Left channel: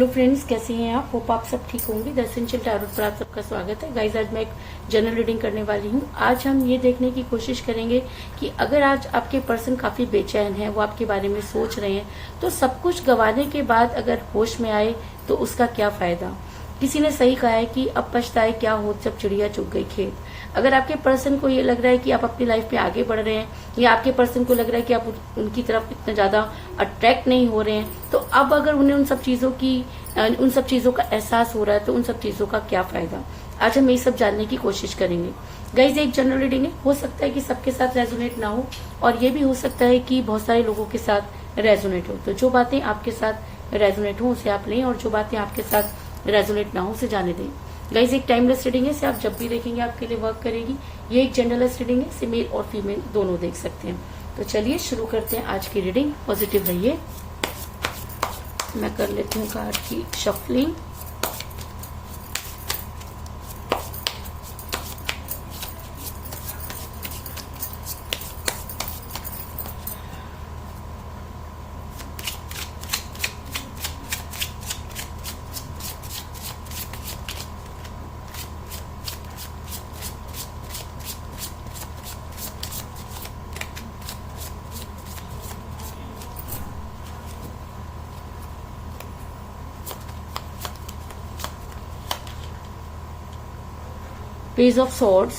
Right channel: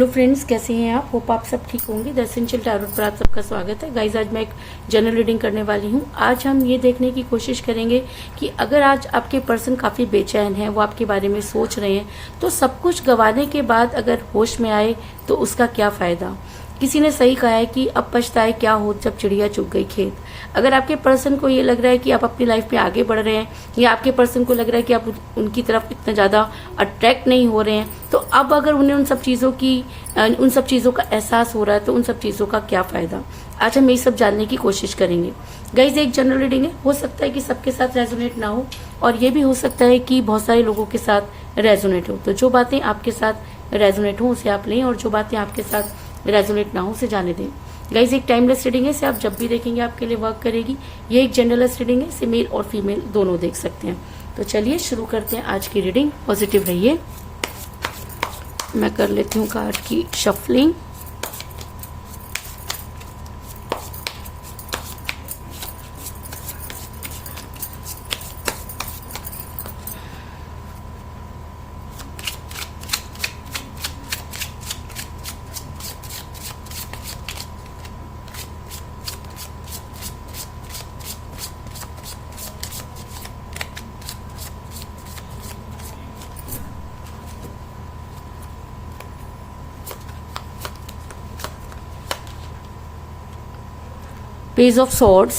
Hello friends, कैसे हैं आप? होप आप सब ठीक होंगे। द एसेंशियल टैरोट पर आप सबका स्वागत है। गाइज, आज मैं एक जनरल रीडिंग करने वाली हूँ। आज हम ये देखने की कोशिश करेंगे कि अगर आज आपके पर्सन काफी बेचैन है, वो आपके बारे में सोच रहे हैं, तो सब कुछ गंवाने के बाद अगर होश में आए तो उसका क्या फायदा। किसी ने सही कहा है कि अब पछताए क्या हो जब चिड़िया चुग गई खेत। अगर आपके पर्सन को ये लग रहा है कि आप अपनी लाइफ में आगे बढ़ रहे हैं, या आपके पर्सन को लग रहा है कि आप उनकी तरफ इतना ज्यादा अट्रैक्ट नहीं हो रहे हैं, तो अब अगर उन्हें उन सब चीजों का एहसास हो रहा है तो उन सब चीजों का क्या फायदा। आज हम ये सब जानने की कोशिश करेंगे। गाइज, एक जनरल रीडिंग है, हो सकता है कि सबके साथ रेजोनेट ना हो, और ये भी हो सकता है कि बहुत सारे लोगों के साथ रेजोनेट हो। तो जो बातें आपके साथ रेजोनेट हो उसे आप लें, और जो बातें आपके साथ रेजोनेट ना हो उसे जाने दें। गाइज, एक टाइमलेस रीडिंग है, इसे आप जब भी देखेंगे आपके लिए वर्क करेगी। ये एक जनरलेस रीडिंग है, इसे मेल और फीमेल दोनों देख सकते हैं। तो चलिए शुरू करते हैं आज की रीडिंग। पॉजिटिव रहिए। मैं कर लेती हूँ कार्ड की shuffling. Page of Swords,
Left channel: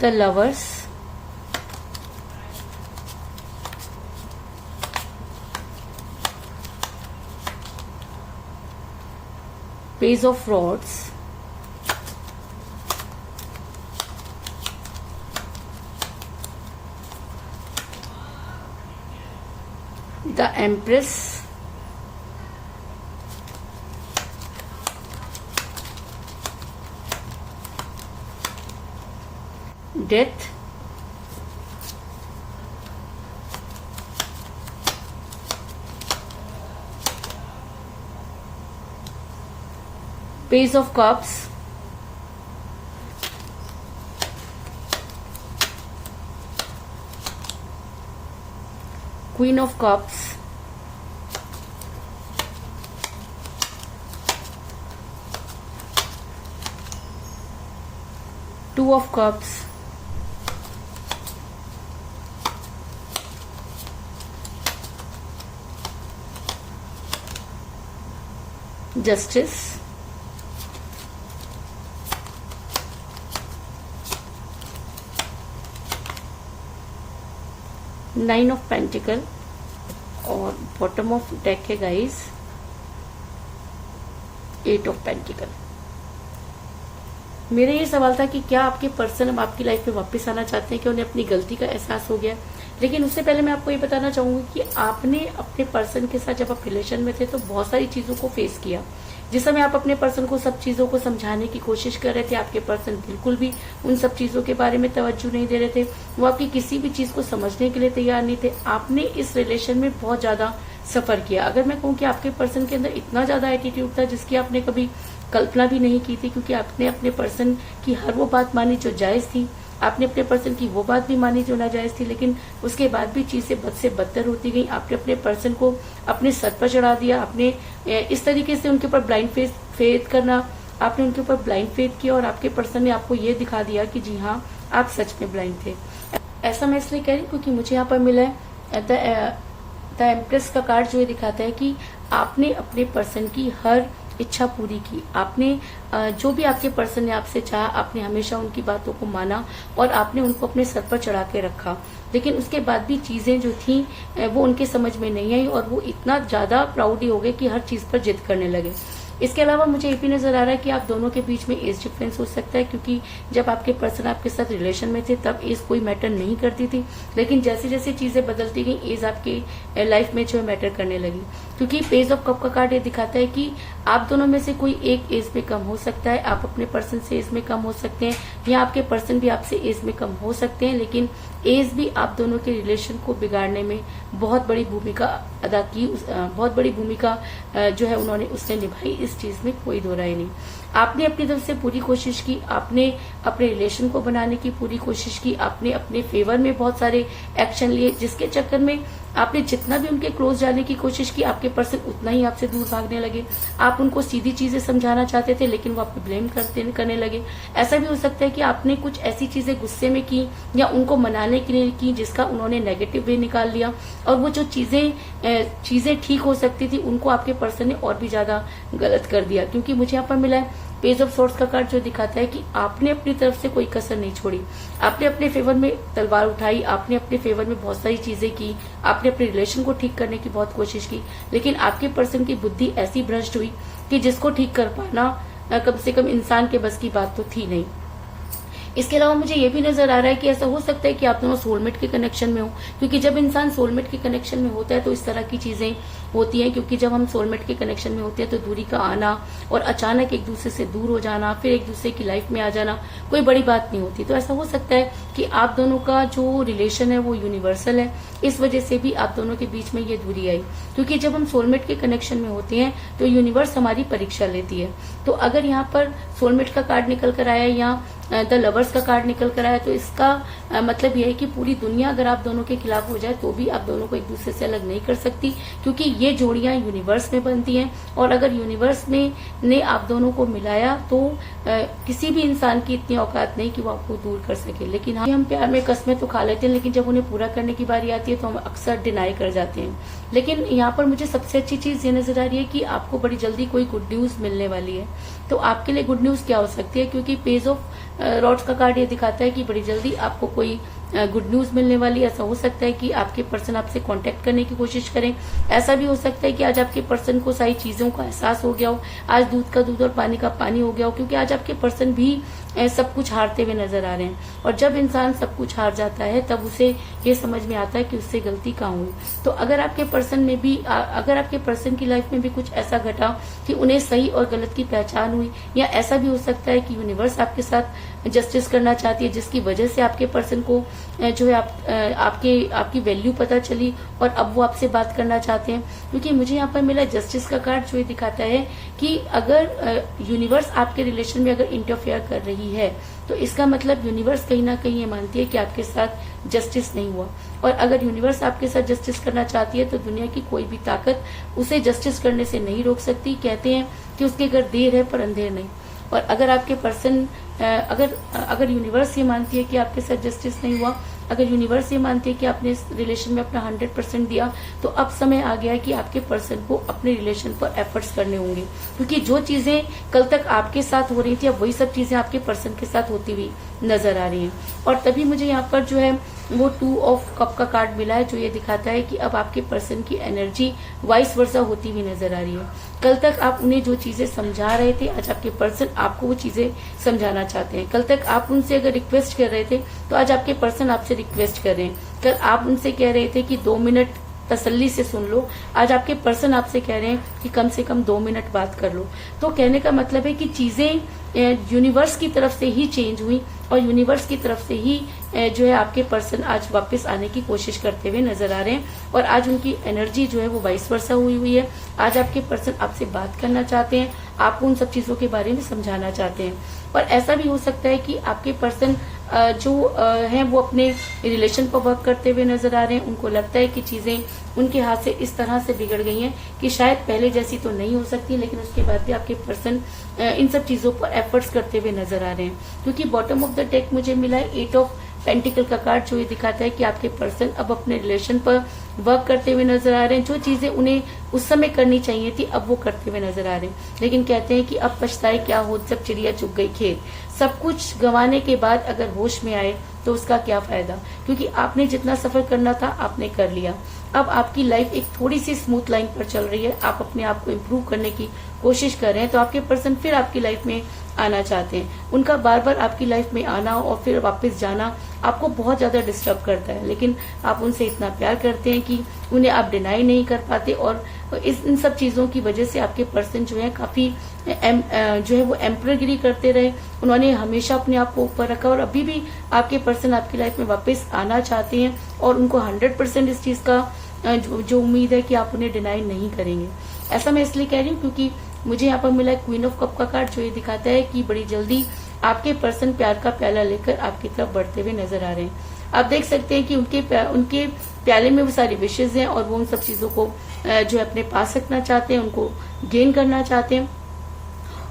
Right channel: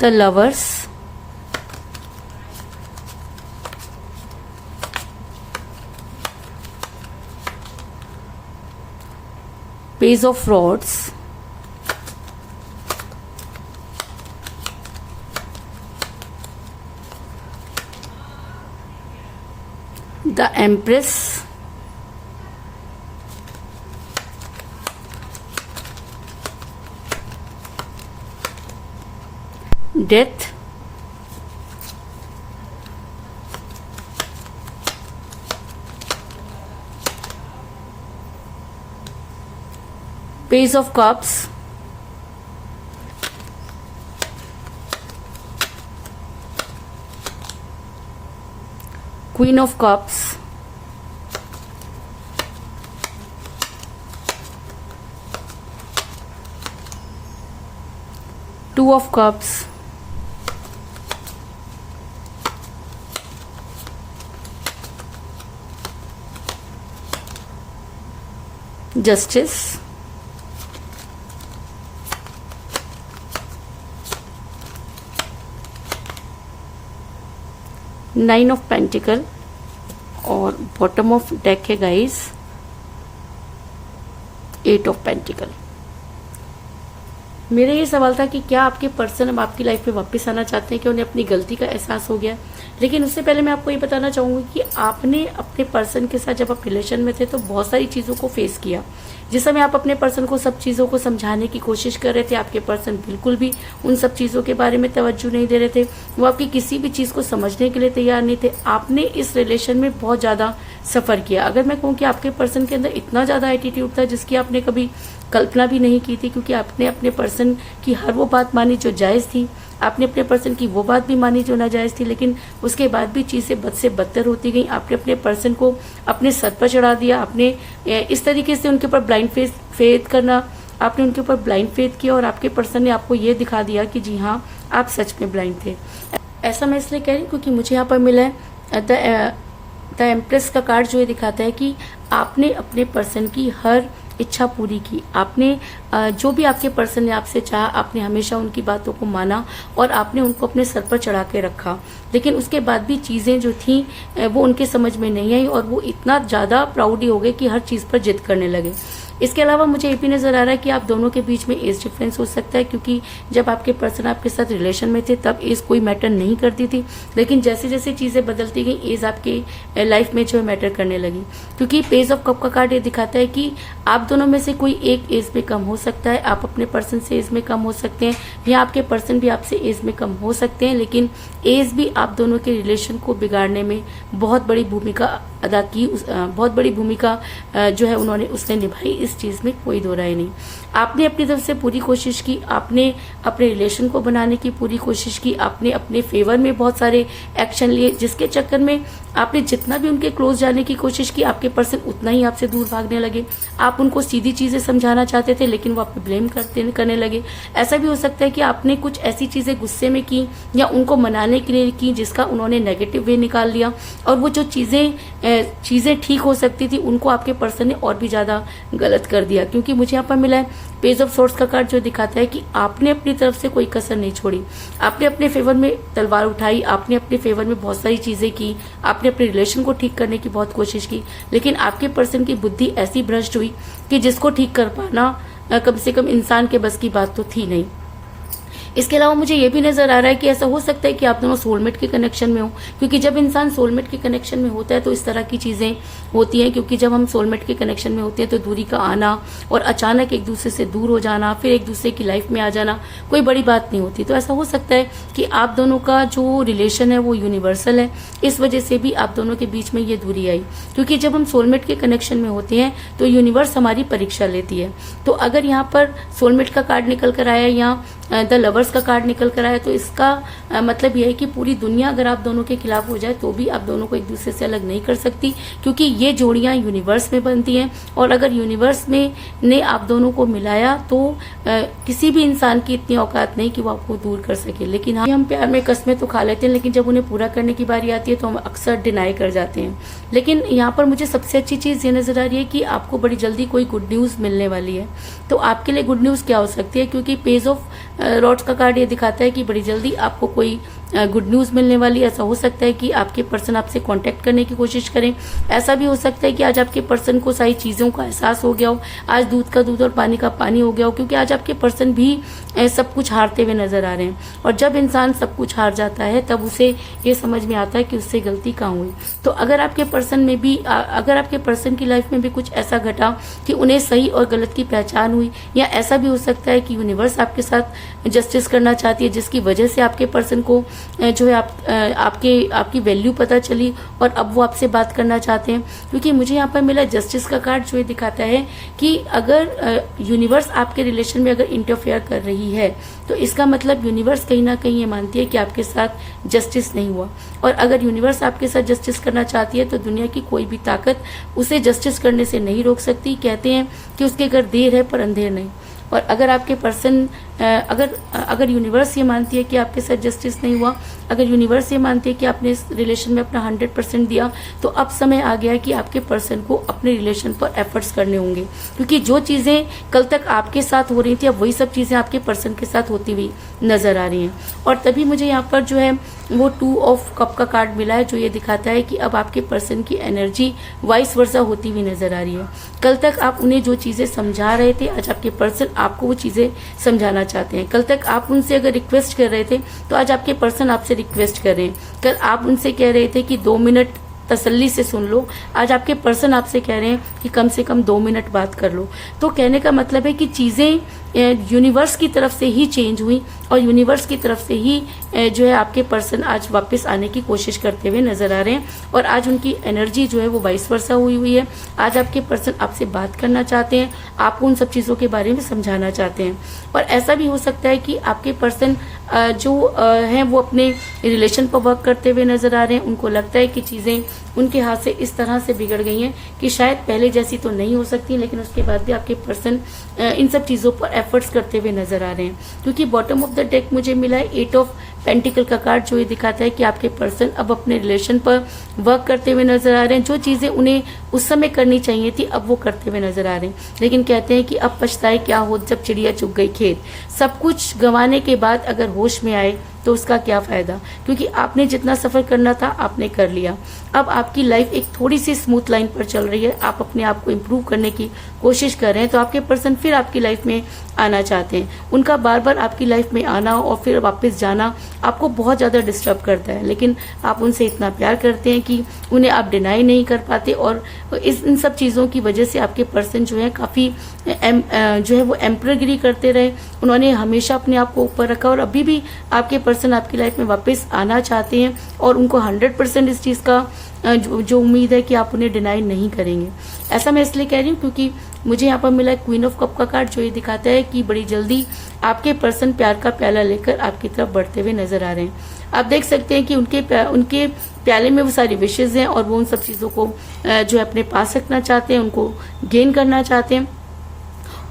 the Lovers, Page of Rods, the Empress, Death, Page of Cups, Queen of Cups, Two of Cups, Justice, Nine of Pentacle, और बॉटम ऑफ डेक है guys Eight of Pentacle। मेरा ये सवाल था कि क्या आपके person अब आपकी लाइफ में वापस आना चाहते हैं, कि उन्हें अपनी गलती का एहसास हो गया। लेकिन उससे पहले मैं आपको ये बताना चाहूंगी कि आपने अपने पर्सन के साथ जब आप रिलेशन में थे तो बहुत सारी चीजों को फेस किया। जिस समय आप अपने पर्सन को सब चीजों को समझाने की कोशिश कर रहे थे, आपके पर्सन बिल्कुल भी उन सब चीजों के बारे में तवज्जो नहीं दे रहे थे। वो आपकी किसी भी चीज को समझने के लिए तैयार नहीं थे। आपने इस रिलेशन में बहुत ज्यादा सफर किया। अगर मैं कहूँ कि आपके पर्सन के अंदर इतना ज्यादा एटीट्यूड था जिसकी आपने कभी कल्पना भी नहीं की थी, क्योंकि आपने अपने पर्सन की हर वो बात मानी जो जायज थी, आपने अपने पर्सन की वो बात भी मानी जो नाजायज थी, लेकिन उसके बाद भी चीजें बद से बदतर होती गई। आपने अपने पर्सन को अपने सर पर चढ़ा दिया। आपने इस तरीके से उनके ऊपर ब्लाइंड फेथ करना, आपने उनके ऊपर ब्लाइंड फेथ किया, और आपके पर्सन ने आपको ये दिखा दिया कि जी हाँ, आप सच में ब्लाइंड थे। ऐसा मैं इसलिए कह रही हूँ क्योंकि मुझे यहाँ पर मिला है द एम्प्रेस का कार्ड, जो ये दिखाता है कि आपने अपने पर्सन की हर इच्छा पूरी की। आपने जो भी आपके पर्सन ने आपसे चाहा, आपने हमेशा उनकी बातों को माना और आपने उनको अपने सर पर चढ़ा के रखा। लेकिन उसके बाद भी चीजें जो थी वो उनके समझ में नहीं आई, और वो इतना ज्यादा प्राउड हो गए कि हर चीज पर जिद करने लगे। इसके अलावा मुझे ये भी नजर आ रहा है कि आप दोनों के बीच में एज डिफरेंस हो सकता है, क्योंकि जब आपके पर्सन आपके साथ रिलेशन में थे तब एज कोई मैटर नहीं करती थी, लेकिन जैसे जैसे चीजें बदलती गई एज आपके लाइफ में जो मैटर करने लगी। क्योंकि पेज ऑफ कप का कार्ड ये दिखाता है कि आप दोनों में से कोई एक एज में कम हो सकता है, आप अपने पर्सन से एज में कम हो सकते हैं, या आपके पर्सन भी आपसे एज में कम हो सकते हैं, लेकिन एज भी आप दोनों के रिलेशन को बिगाड़ने में बहुत बड़ी भूमिका अदा की, बहुत बड़ी भूमिका जो है उन्होंने उसने निभाई, इस चीज में कोई दो राय नहीं। आपने अपनी तरफ से पूरी कोशिश की, आपने अपने रिलेशन को बनाने की पूरी कोशिश की, आपने अपने फेवर में बहुत सारे एक्शन लिए, जिसके चक्कर में आपने जितना भी उनके क्लोज जाने की कोशिश की, आपके पर्सन उतना ही आपसे दूर भागने लगे। आप उनको सीधी चीजें समझाना चाहते थे लेकिन वो आपको ब्लेम करने लगे। ऐसा भी हो सकता है कि आपने कुछ ऐसी चीजें गुस्से में की या उनको मनाने के लिए की जिसका उन्होंने नेगेटिव वे निकाल लिया, और वो जो चीजें ठीक हो सकती थी उनको आपके पर्सन ने और भी ज्यादा गलत कर दिया। क्योंकि मुझे यहाँ पर मिला है पेज ऑफ सोर्स का कार्ड, जो दिखाता है कि आपने अपनी तरफ से कोई कसर नहीं छोड़ी, आपने अपने फेवर में तलवार उठाई, आपने अपने फेवर में बहुत सारी चीजें की, आपने अपने रिलेशन को ठीक करने की बहुत कोशिश की, लेकिन आपके पर्सन की बुद्धि ऐसी भ्रष्ट हुई कि जिसको ठीक कर पाना कम से कम इंसान के बस की बात तो थी नहीं। इसके अलावा मुझे ये भी नजर आ रहा है कि ऐसा हो सकता है कि आप दोनों सोलमेट के कनेक्शन में हो, क्योंकि जब इंसान सोलमेट के कनेक्शन में होता है तो इस तरह की चीजें होती हैं। क्योंकि जब हम सोलमेट के कनेक्शन में होते हैं तो दूरी का आना और अचानक एक दूसरे से दूर हो जाना, फिर एक दूसरे की लाइफ में आ जाना कोई बड़ी बात नहीं होती। तो ऐसा हो सकता है कि आप दोनों का जो रिलेशन है वो यूनिवर्सल है, इस वजह से भी आप दोनों के बीच में ये दूरी आई। क्योंकि जब हम सोलमेट के कनेक्शन में होते हैं तो यूनिवर्स हमारी परीक्षा लेती है। तो अगर यहाँ पर सोलमेट का कार्ड निकल कर आया या द लवर्स का कार्ड निकल कर आया तो इसका मतलब यह है कि पूरी दुनिया अगर आप दोनों के खिलाफ हो जाए तो भी आप दोनों को एक दूसरे से अलग नहीं कर सकती, क्योंकि ये जोड़ियां यूनिवर्स में बनती हैं। और अगर यूनिवर्स ने आप दोनों को मिलाया तो किसी भी इंसान की इतनी औकात नहीं कि वो आपको दूर कर सके। लेकिन हम प्यार में कस्में तो खा लेते हैं, लेकिन जब उन्हें पूरा करने की बारी आती है तो हम अक्सर डिनाई कर जाते हैं। लेकिन यहाँ पर मुझे सबसे अच्छी चीज ये नजर आ रही है कि आपको बड़ी जल्दी कोई गुड न्यूज मिलने वाली है। तो आपके लिए गुड न्यूज क्या हो सकती है? क्योंकि पेज ऑफ रॉड्स का कार्ड ये दिखाता है कि बड़ी जल्दी आपको कोई गुड न्यूज मिलने वाली है। ऐसा हो सकता है कि आपके पर्सन आपसे कांटेक्ट करने की कोशिश करें। ऐसा भी हो सकता है कि आज आपके पर्सन को सारी चीजों का एहसास हो गया हो, आज दूध का दूध और पानी का पानी हो गया हो, क्योंकि आज आपके पर्सन भी सब कुछ हारते हुए नजर आ रहे हैं। और जब इंसान सब कुछ हार जाता है तब उसे ये समझ में आता है कि उससे गलती कहाँ हुई। तो अगर आपके पर्सन की लाइफ में भी कुछ ऐसा घटा कि उन्हें सही और गलत की पहचान हुई, या ऐसा भी हो सकता है कि यूनिवर्स आपके साथ जस्टिस करना चाहती है, जिसकी वजह से आपके पर्सन को जो है आपकी वैल्यू पता चली और अब वो आपसे बात करना चाहते हैं। क्योंकि मुझे यहाँ पर मिला जस्टिस का कार्ड, जो ये दिखाता है कि अगर यूनिवर्स आपके रिलेशन में अगर इंटरफेयर कर रही है तो इसका मतलब यूनिवर्स कहीं ना कहीं ये मानती है कि आपके साथ जस्टिस नहीं हुआ। और अगर यूनिवर्स आपके साथ जस्टिस करना चाहती है तो दुनिया की कोई भी ताकत उसे जस्टिस करने से नहीं रोक सकती। कहते हैं कि उसके घर देर है पर अंधेर नहीं। और अगर आपके पर्सन अगर यूनिवर्स ये मानती है कि आपके साथ जस्टिस नहीं हुआ, अगर यूनिवर्स ये मानती है कि आपने इस रिलेशन में अपना 100% दिया, तो अब समय आ गया है कि आपके पर्सन को अपने रिलेशन पर एफर्ट्स करने होंगे। क्योंकि जो चीजें कल तक आपके साथ हो रही थी अब वही सब चीजें आपके पर्सन के साथ होती हुई नजर आ रही हैं। और तभी मुझे यहाँ पर जो है वो 2 ऑफ कप का कार्ड मिला है, जो ये दिखाता है कि अब आपके पर्सन की एनर्जी वाइस वर्सा होती हुई नजर आ रही है। कल तक आप उन्हें जो चीजें समझा रहे थे, आज आपके पर्सन आपको वो चीजें समझाना चाहते हैं। कल तक आप उनसे अगर रिक्वेस्ट कर रहे थे तो आज आपके पर्सन आपसे रिक्वेस्ट कर रहे हैं। कल आप उनसे कह रहे थे कि 2 मिनट तसल्ली से सुन लो, आज आपके पर्सन आपसे कह रहे हैं कि कम से कम 2 मिनट बात कर लो। तो कहने का मतलब है कि चीजें यूनिवर्स की तरफ से ही चेंज हुई और यूनिवर्स की तरफ से ही जो है आपके पर्सन आज वापस आने की कोशिश करते हुए नजर आ रहे हैं। और आज उनकी एनर्जी जो है वो वाइस वर्सा हुई है। आज आपके पर्सन आपसे बात करना चाहते हैं, आपको उन सब चीजों के बारे में समझाना चाहते हैं। और ऐसा भी हो सकता है कि आपके पर्सन जो हैं वो अपने रिलेशन पर वर्क करते हुए नजर आ रहे हैं। उनको लगता है कि चीजें उनके हाथ से इस तरह से बिगड़ गई हैं कि शायद पहले जैसी तो नहीं हो सकती, लेकिन उसके बाद भी आपके पर्सन इन सब चीजों पर एफर्ट्स करते हुए नजर आ रहे हैं। क्योंकि बॉटम ऑफ द डेक मुझे मिला है 8 ऑफ पेंटिकल का कार्ड, जो ये दिखाता है कि आपके पर्सन अब अपने रिलेशन पर वर्क करते हुए नजर आ रहे हैं। जो चीजें उन्हें उस समय करनी चाहिए थी अब वो करते हुए नजर आ रहे हैं। लेकिन कहते हैं कि अब पछताए क्या हो जब चिड़िया चुग गई खेत। सब कुछ गंवाने के बाद अगर होश में आए तो उसका क्या फायदा, क्योंकि आपने जितना सफर करना था आपने कर लिया। अब आपकी लाइफ एक थोड़ी सी स्मूथ लाइन पर चल रही है, आप अपने आप को इम्प्रूव करने की कोशिश कर रहे हैं। तो आपके पर्सन फिर आपकी लाइफ में आना चाहते हैं। उनका बार बार आपकी लाइफ में आना और फिर वापस जाना आपको बहुत ज्यादा डिस्टर्ब करता है, लेकिन आप उनसे इतना प्यार करते हैं कि उन्हें आप डिनाई नहीं कर पाते। और इन सब चीजों की वजह से आपके पर्सन जो है काफी जो है वो एम्परगिरी करते रहे। उन्होंने हमेशा अपने आप को ऊपर रखा और अभी भी आपके पर्सन आपकी लाइफ में वापस आना चाहते हैं और उनको 100% इस चीज का जो उम्मीद है कि आप उन्हें डिनाई नहीं करेंगे। ऐसा मैं इसलिए कह रही हूँ क्योंकि मुझे यहाँ पर मिला क्वीन ऑफ कप का कार्ड, जो ये दिखाता है कि बड़ी जल्दी आपके पर्सन प्यार का प्याला लेकर आपकी तरफ बढ़ते हुए नजर आ रहे हैं। आप देख सकते हैं कि उनके प्याले में वो सारी विशेष हैं और वो उन सब चीजों को जो है अपने पास रखना चाहते हैं, उनको गेन करना चाहते हैं,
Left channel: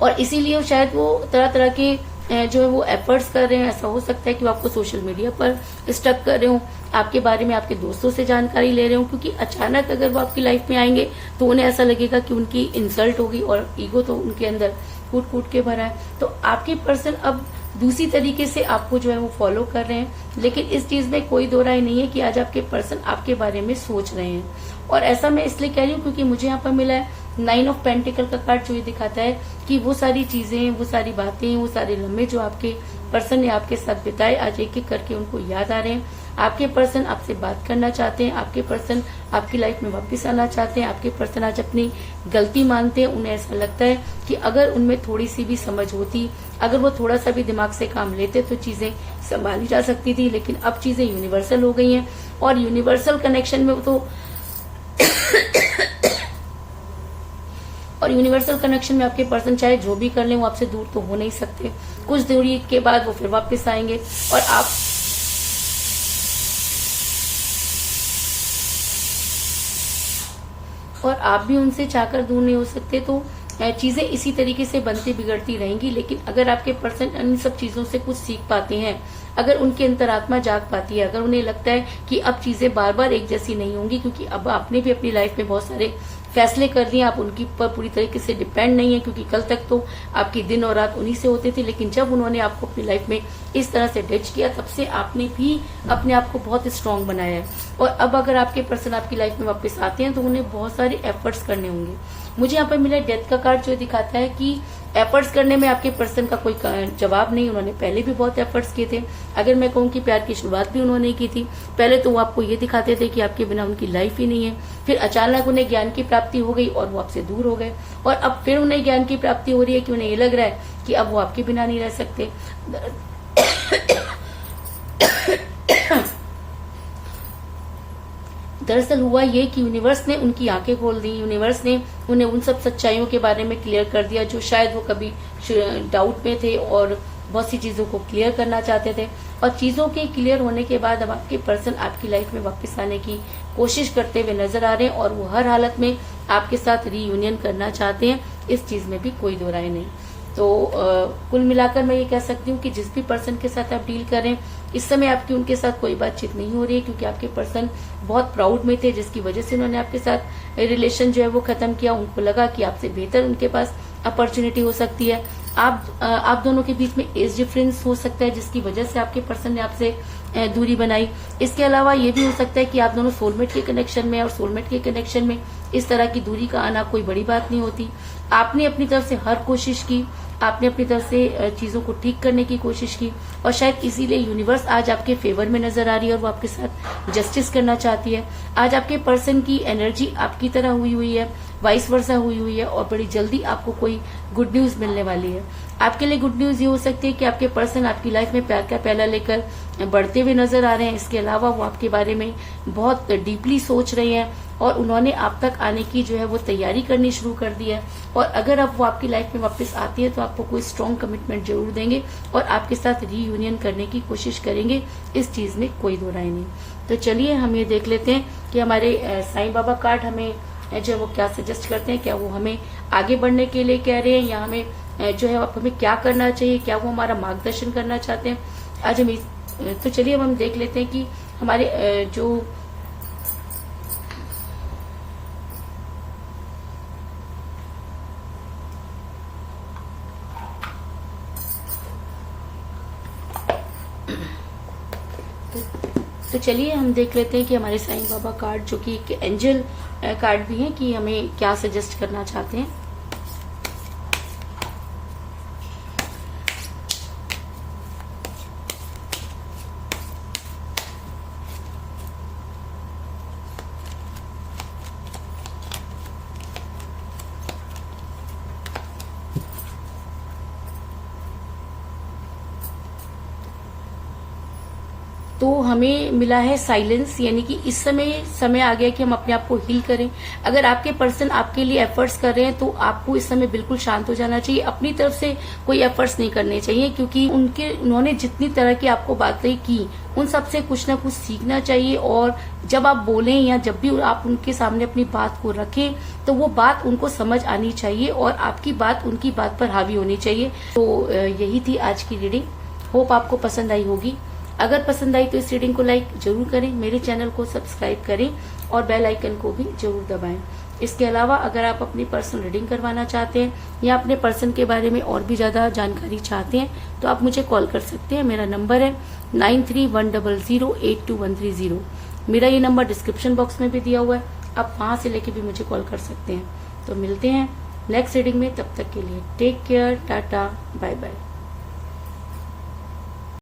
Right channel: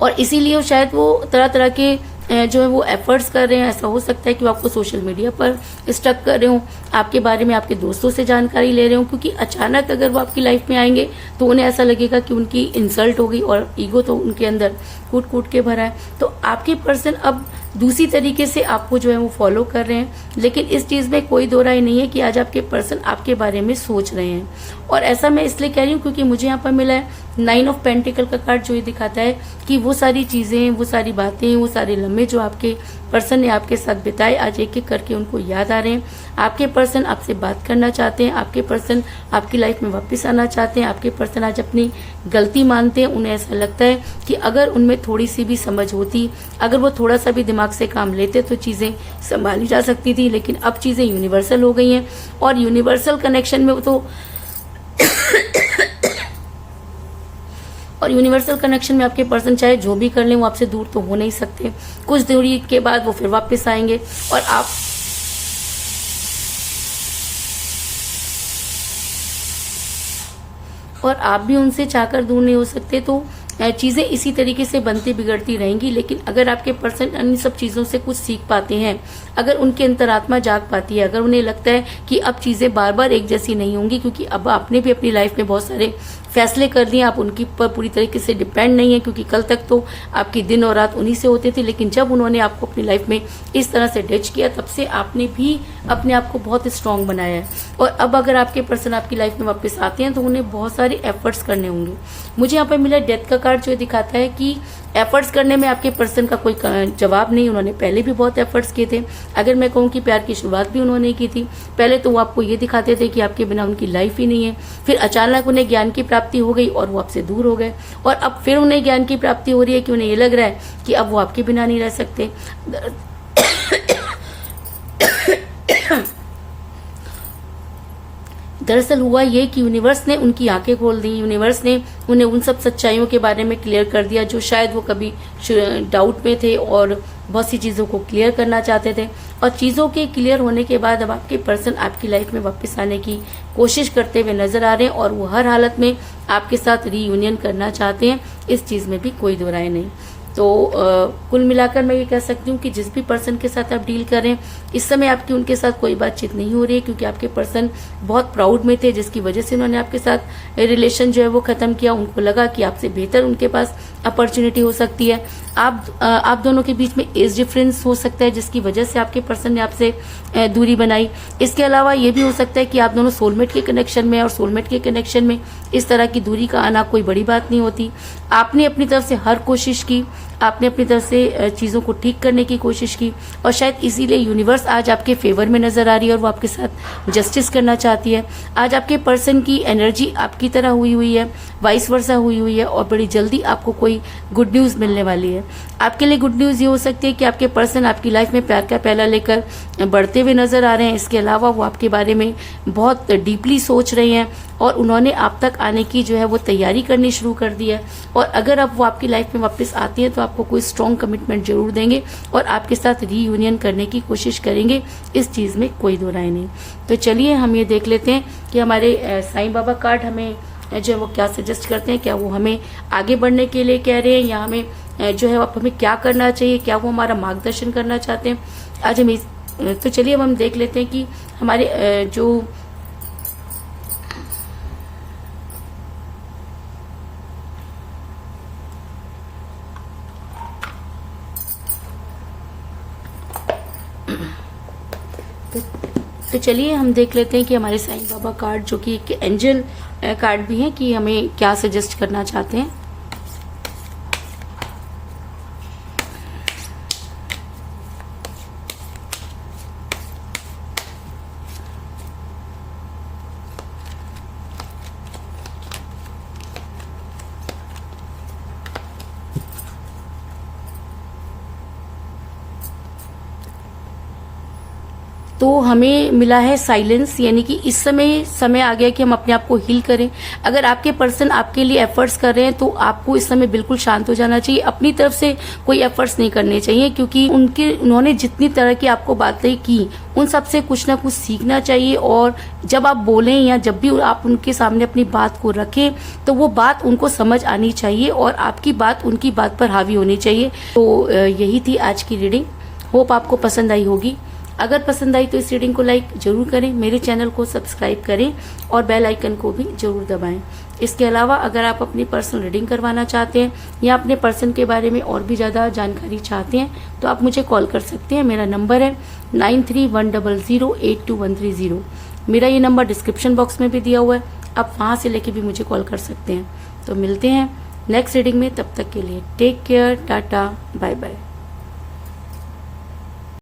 और इसीलिए शायद वो तरह तरह के जो है वो एफर्ट्स कर रहे हैं। ऐसा हो सकता है कि वो आपको सोशल मीडिया पर स्टक कर रहे हो, आपके बारे में आपके दोस्तों से जानकारी ले रहे हो, क्योंकि अचानक अगर वो आपकी लाइफ में आएंगे तो उन्हें ऐसा लगेगा कि उनकी इंसल्ट होगी और ईगो तो उनके अंदर कूट कूट के भरा है। तो आपके पर्सन अब दूसरी तरीके से आपको जो है वो फॉलो कर रहे हैं, लेकिन इस चीज में कोई दो राय नहीं है कि आज आपके पर्सन आपके बारे में सोच रहे हैं। और ऐसा मैं इसलिए कह रही हूँ क्योंकि मुझे यहाँ पर मिला है 9 ऑफ पेंटिकल का कार्ड, जो ये दिखाता है कि वो सारी चीजें, वो सारी बातें, वो सारे लम्हे जो आपके पर्सन ने आपके साथ बिताए, आज एक एक करके उनको याद आ रहे हैं। आपके पर्सन आपसे बात करना चाहते हैं, आपके पर्सन आपकी लाइफ में वापस आना चाहते हैं, आपके पर्सन आज अपनी गलती मानते हैं। उन्हें ऐसा लगता है कि अगर उनमें थोड़ी सी भी समझ होती, अगर वो थोड़ा सा भी दिमाग से काम लेते तो चीजें संभाली जा सकती थी, लेकिन अब चीजें यूनिवर्सल हो गई हैं। और यूनिवर्सल कनेक्शन में तो और यूनिवर्सल कनेक्शन में आपके पर्सन चाहे जो भी कर लें, वो आपसे दूर तो हो नहीं सकते। कुछ दूरी के बाद वो फिर वापस आएंगे और आप भी उनसे चाहकर दूर नहीं हो सकते। तो चीजें इसी तरीके से बनती बिगड़ती रहेंगी। लेकिन अगर आपके पर्सन इन सब चीजों से कुछ सीख पाते हैं, अगर उनकी अंतरात्मा जाग पाती है, अगर उन्हें लगता है कि अब चीजें बार बार एक जैसी नहीं होंगी, क्योंकि अब आपने भी अपनी लाइफ में बहुत सारे फैसले कर दिए, आप उनकी पर पूरी तरीके से डिपेंड नहीं है, क्योंकि कल तक तो आपकी दिन और रात उन्हीं से होते थे। लेकिन जब उन्होंने आपको अपनी लाइफ में इस तरह से डच किया, तब से आपने भी अपने आप को बहुत स्ट्रांग बनाया है। और अब अगर आपके पर्सन आपकी लाइफ में वापस आते हैं तो उन्हें बहुत सारे एफर्ट्स करने होंगे। मुझे यहाँ पर मिला डेथ का कार्ड, जो दिखाता है कि एफर्ट्स करने में आपके पर्सन का कोई जवाब नहीं। उन्होंने पहले भी बहुत एफर्ट्स किए थे। अगर मैं कहूँ कि प्यार की शुरुआत भी उन्होंने की थी। पहले तो वो आपको ये दिखाते थे कि आपके बिना उनकी लाइफ ही नहीं है, फिर अचानक उन्हें ज्ञान की प्राप्ति हो गई और वो आपसे दूर हो गए, और अब फिर उन्हें ज्ञान की प्राप्ति हो रही है कि उन्हें ये लग रहा है कि अब वो आपके बिना नहीं रह सकते। दरअसल हुआ ये कि यूनिवर्स ने उनकी आंखें खोल दी, यूनिवर्स ने उन्हें उन सब सच्चाइयों के बारे में क्लियर कर दिया जो शायद वो कभी डाउट में थे और बहुत सी चीजों को क्लियर करना चाहते थे। और चीजों के क्लियर होने के बाद अब आपके पर्सन आपकी लाइफ में वापस आने की कोशिश करते हुए नजर आ रहे हैं और वो हर हालत में आपके साथ रीयूनियन करना चाहते हैं। इस चीज में भी कोई दो राय नहीं। तो कुल मिलाकर मैं ये कह सकती हूँ कि जिस भी पर्सन के साथ आप डील करें, इस समय आपकी उनके साथ कोई बातचीत नहीं हो रही है, क्योंकि आपके पर्सन बहुत प्राउड में थे, जिसकी वजह से उन्होंने आपके साथ रिलेशन जो है वो खत्म किया। उनको लगा कि आपसे बेहतर उनके पास अपॉर्चुनिटी हो सकती है। आप दोनों के बीच में एज डिफरेंस हो सकता है, जिसकी वजह से आपके पर्सन ने आपसे दूरी बनाई। इसके अलावा ये भी हो सकता है कि आप दोनों सोलमेट के कनेक्शन में, और सोलमेट के कनेक्शन में इस तरह की दूरी का आना कोई बड़ी बात नहीं होती। आपने अपनी तरफ से हर कोशिश की, आपने अपनी तरफ से चीजों को ठीक करने की कोशिश की, और शायद इसीलिए यूनिवर्स आज आपके फेवर में नजर आ रही है और वो आपके साथ जस्टिस करना चाहती है। आज आपके पर्सन की एनर्जी आपकी तरह हुई है, वाइस वर्सा हुई है, और बड़ी जल्दी आपको कोई गुड न्यूज मिलने वाली है। आपके लिए गुड न्यूज ये हो सकती है कि आपके पर्सन आपकी लाइफ में प्यार का पहला लेकर बढ़ते हुए नजर आ रहे हैं। इसके अलावा वो आपके बारे में बहुत डीपली सोच रहे हैं और उन्होंने आप तक आने की जो है वो तैयारी करनी शुरू कर दी है। और अगर अब वो आपकी लाइफ में वापस आती है तो आपको कोई स्ट्रॉन्ग कमिटमेंट जरूर देंगे और आपके साथ रीयूनियन करने की कोशिश करेंगे। इस चीज में कोई दो राय नहीं। तो चलिए हम ये देख लेते हैं कि हमारे साईं बाबा कार्ड हमें जो है वो क्या सजेस्ट करते हैं। क्या वो हमें आगे बढ़ने के लिए कह रहे हैं, या हमें जो है हमें क्या करना चाहिए, क्या वो हमारा मार्गदर्शन करना चाहते हैं आज हम तो चलिए अब हम देख लेते हैं कि हमारे जो तो चलिए हम देख लेते हैं कि हमारे साईं बाबा कार्ड, जो कि एक एंजल कार्ड भी है, कि हमें क्या सजेस्ट करना चाहते हैं। तो हमें मिला है साइलेंस, यानी कि इस समय आ गया कि हम अपने आप को हील करें। अगर आपके पर्सन आपके लिए एफर्ट्स कर रहे हैं तो आपको इस समय बिल्कुल शांत हो जाना चाहिए, अपनी तरफ से कोई एफर्ट्स नहीं करने चाहिए, क्योंकि उन्होंने जितनी तरह की आपको बातें की उन सब से कुछ ना कुछ सीखना चाहिए। और जब आप बोलें या जब भी आप उनके सामने अपनी बात को रखें तो वो बात उनको समझ आनी चाहिए और आपकी बात उनकी बात पर हावी होनी चाहिए। तो यही थी आज की रीडिंग, होप आपको पसंद आई होगी। अगर पसंद आई तो इस रीडिंग को लाइक जरूर करें, मेरे चैनल को सब्सक्राइब करें और बेल आइकन को भी जरूर दबाएं। इसके अलावा अगर आप अपनी पर्सनल रीडिंग करवाना चाहते हैं या अपने पर्सन के बारे में और भी ज्यादा जानकारी चाहते हैं तो आप मुझे कॉल कर सकते हैं। मेरा नंबर है 9310082130। मेरा ये नंबर डिस्क्रिप्शन बॉक्स में भी दिया हुआ है, आप वहां से लेके भी मुझे कॉल कर सकते हैं। तो मिलते हैं नेक्स्ट रीडिंग में, तब तक के लिए take care, tata, bye bye.